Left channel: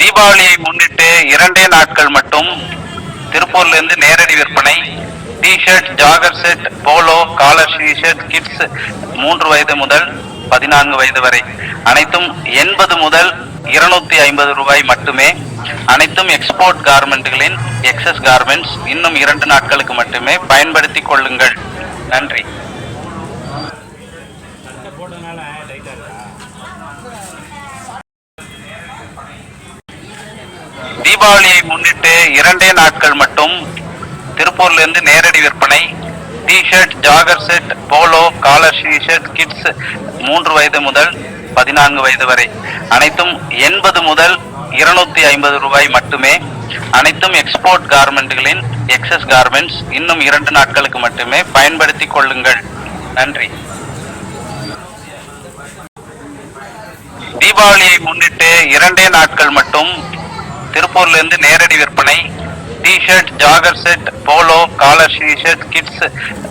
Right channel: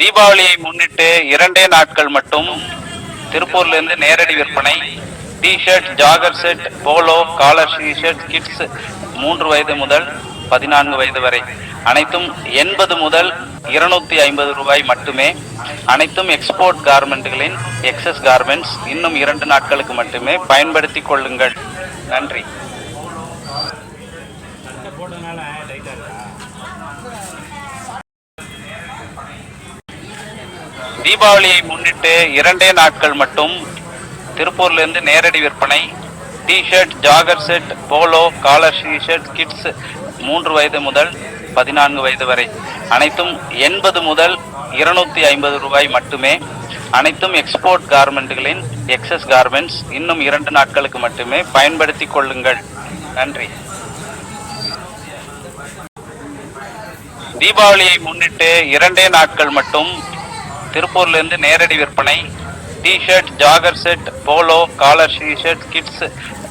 தீபாவளியை முன்னிட்டு 2 நாட்கள் மட்டும் திருப்பூர்ல இருந்து நேரடி விற்பனை. T shirt, jogger set, polo, collar shirt, kids 3 வயது முதல் 14 வயது வரை அனைத்தும் 80 முதல் 250 ரூபாய் மட்டுமே. அனைத்தும் எக்ஸ்போர்ட் கார்மெண்ட்களின் எக்ஸஸ் கார்மெண்ட்ஸ். இன்னும் 2 நாட்களுக்கு மட்டுமே. பயன்படுத்திக் கொள்ளுங்கள். நன்றி. தீபாவளியை முன்னிட்டு 2 நாட்கள் மட்டும் திருப்பூர்ல இருந்து நேரடி விற்பனை. T shirt, jogger set, polo, collar shirt, kids 3 வயது முதல் 14 வயது வரை அனைத்தும் 80 முதல் 250 ரூபாய் மட்டுமே. அனைத்தும் எக்ஸ்போர்ட் கார்மெண்ட்களின் எக்ஸஸ் கார்மெண்ட்ஸ். இன்னும் 2 நாட்களுக்கு மட்டுமே. பயன்படுத்திக் கொள்ளுங்கள். நன்றி. தீபாவளியை முன்னிட்டு 2 நாட்கள் மட்டும் திருப்பூர்ல இருந்து நேரடி விற்பனை. T shirt, jogger set, polo, collar shirt, kids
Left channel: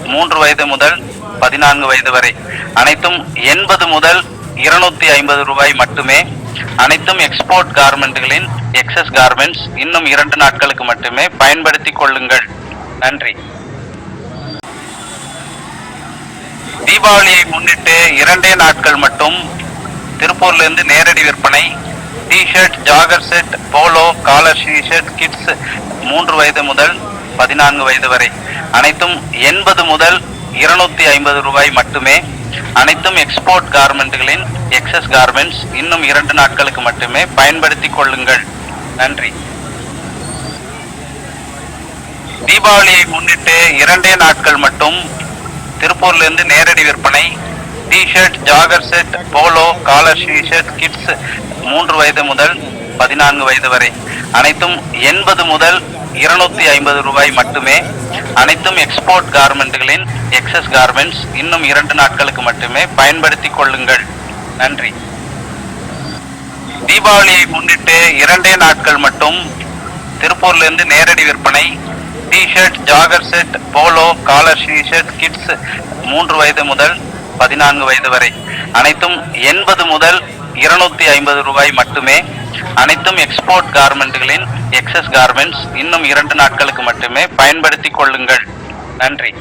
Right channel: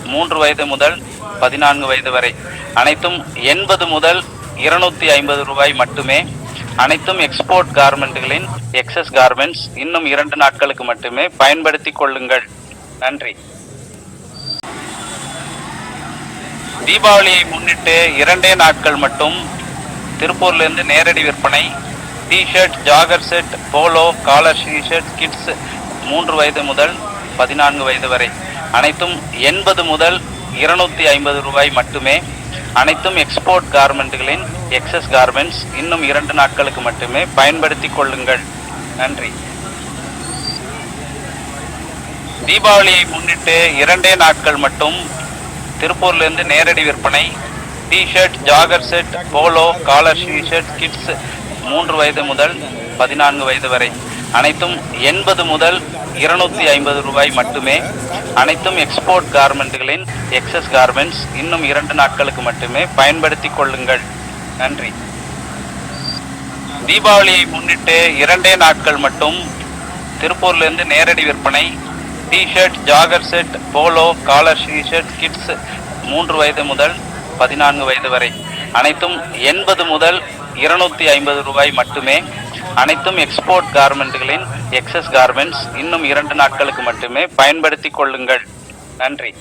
3 வயது முதல் 14 வயது வரை அனைத்தும் 80 முதல் 250 ரூபாய் மட்டுமே. அனைத்தும் எக்ஸ்போர்ட் கார்மெண்ட்களின் எக்ஸஸ் கார்மெண்ட்ஸ். இன்னும் 2 நாட்களுக்கு மட்டுமே. பயன்படுத்திக் கொள்ளுங்கள். நன்றி. தீபாவளியை முன்னிட்டு 2 நாட்கள் மட்டும் திருப்பூர்ல இருந்து நேரடி விற்பனை. T shirt, jogger set, polo, collar shirt, kids 3 வயது முதல் 14 வயது வரை அனைத்தும் 80 முதல் 250 ரூபாய் மட்டுமே. அனைத்தும் எக்ஸ்போர்ட் கார்மெண்ட்களின் எக்ஸஸ் கார்மெண்ட்ஸ். இன்னும் 2 நாட்களுக்கு மட்டுமே. பயன்படுத்திக் கொள்ளுங்கள். நன்றி. தீபாவளியை முன்னிட்டு 2 நாட்கள் மட்டும் திருப்பூர்ல இருந்து நேரடி விற்பனை. T shirt, jogger set, polo, collar shirt, kids 3 வயது முதல் 14 வயது வரை அனைத்தும் 80 முதல் 250 ரூபாய் மட்டுமே. அனைத்தும் எக்ஸ்போர்ட் கார்மெண்ட்களின் எக்ஸஸ் கார்மெண்ட்ஸ். இன்னும் 2 நாட்களுக்கு மட்டுமே. பயன்படுத்திக் கொள்ளுங்கள். நன்றி. தீபாவளியை முன்னிட்டு 2 நாட்கள் மட்டும் திருப்பூர்ல இருந்து நேரடி விற்பனை. T shirt, jogger set, polo, collar shirt, kids 3 வயது முதல் 14 வயது வரை அனைத்தும் 80 முதல் 250 ரூபாய் மட்டுமே. அனைத்தும் எக்ஸ்போர்ட் கார்மெண்ட்களின் எக்ஸஸ் கார்மெண்ட்ஸ். இன்னும் 2 நாட்களுக்கு மட்டுமே. பயன்படுத்திக் கொள்ளுங்கள். நன்றி.